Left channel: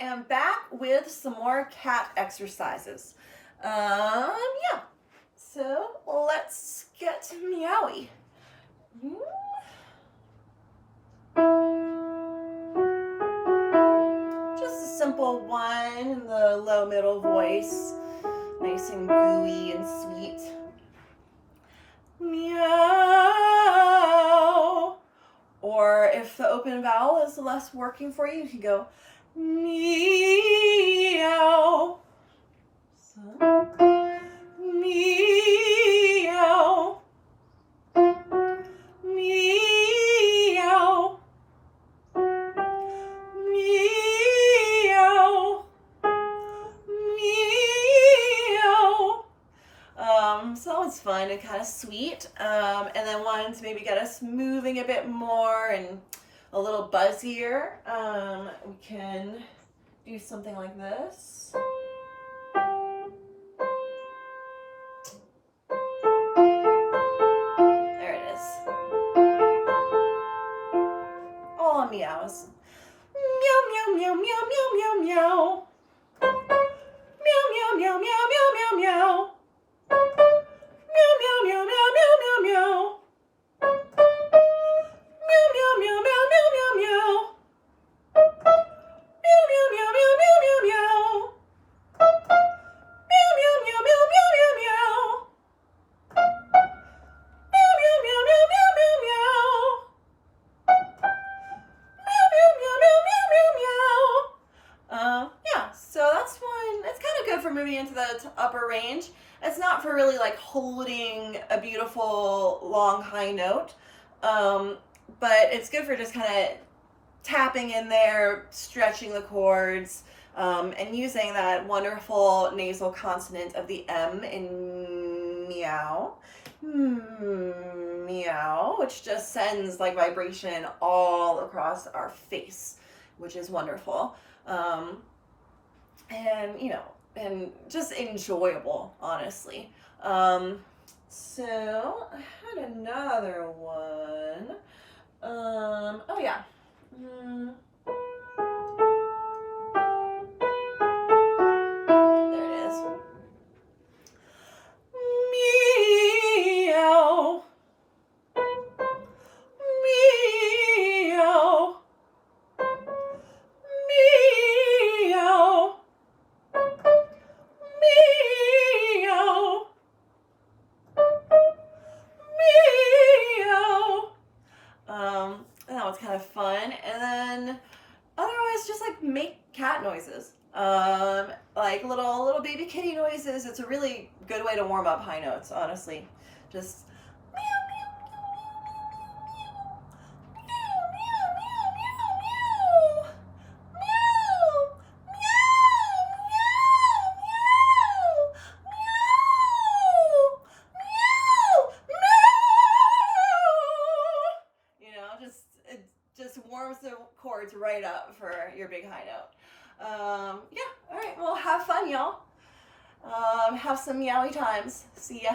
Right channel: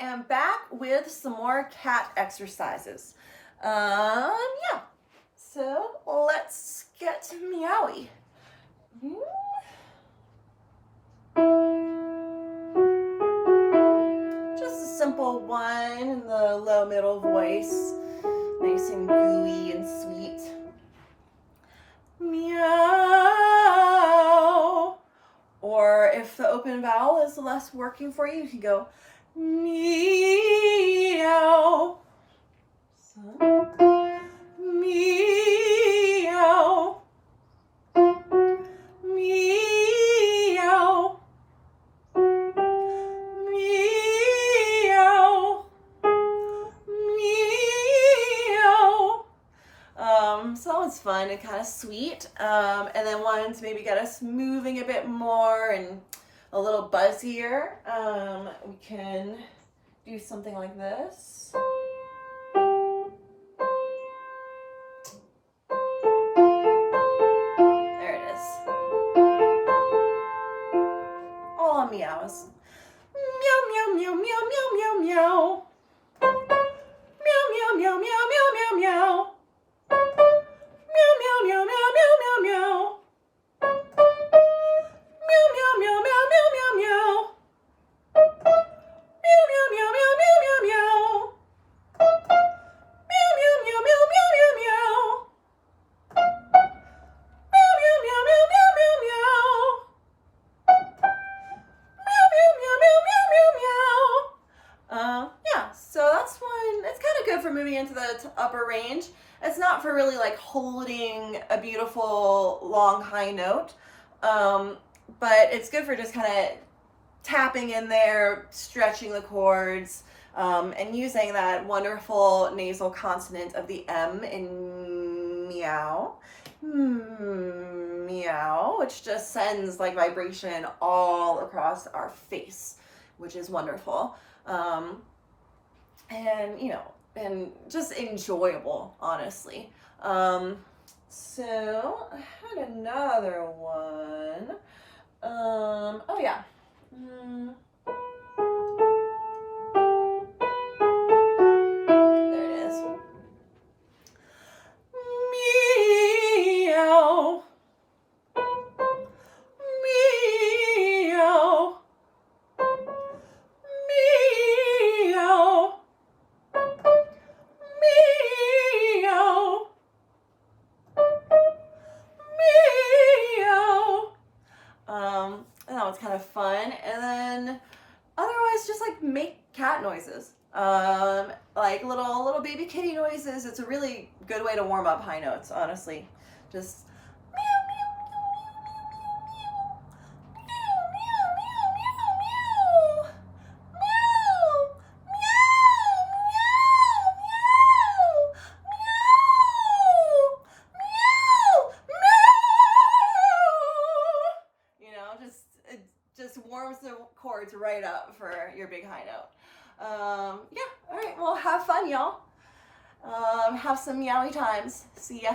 am back with some more cat exercises. Yeah. So let's get meowy. Just a simple one in the low middle voice. Nice and gooey and sweet. Meow. Or if the open vowel is less working for you, you can go meow. So, meow. Meow. Meow. Meow. So that one's fun and kind of sweet. And then ones maybe get us moving a bit more and a little buzzier. We can do something like this. There it is. All on meows. Meow, meow, meow, meow, meow, meow, meow. Meow, meow, meow, meow, meow, meow, meow. Meow, meow, meow, meow, meow, meow, meow. Meow, meow, meow, meow, meow, meow, meow. Meow, meow, meow, meow, meow, meow, meow. Meow, meow, meow, meow, meow, meow, meow. Meow, meow, meow, meow, meow, meow, meow. Meow, meow, meow, meow, meow, meow, meow. Yeah, so that's one. It's kind of good for moving into the upper range. It's not for really like holding a beautiful long high note, but it's good for just kind of tapping in there, stretching the chords, and using that wonderful nasal consonant of the M in meow, meow, which just sends like vibration all across our face, which is wonderful. And you know, and just enjoyable, honestly. So I had another one. Oh yeah. There it is. Meow. Meow. Meow. Meow. Meow. And that was kind of fun. And then otherwise just like make cat noises. Like little baby kitty noises. It's a really good way to warm up high notes, honestly. Just meow, meow, meow, meow, meow, meow, meow, meow, meow, meow, meow, meow, meow, meow. You know, it just warms the chords right up for your big high note. Yeah, all right, well, have fun, y'all. Have some meowy times. See ya.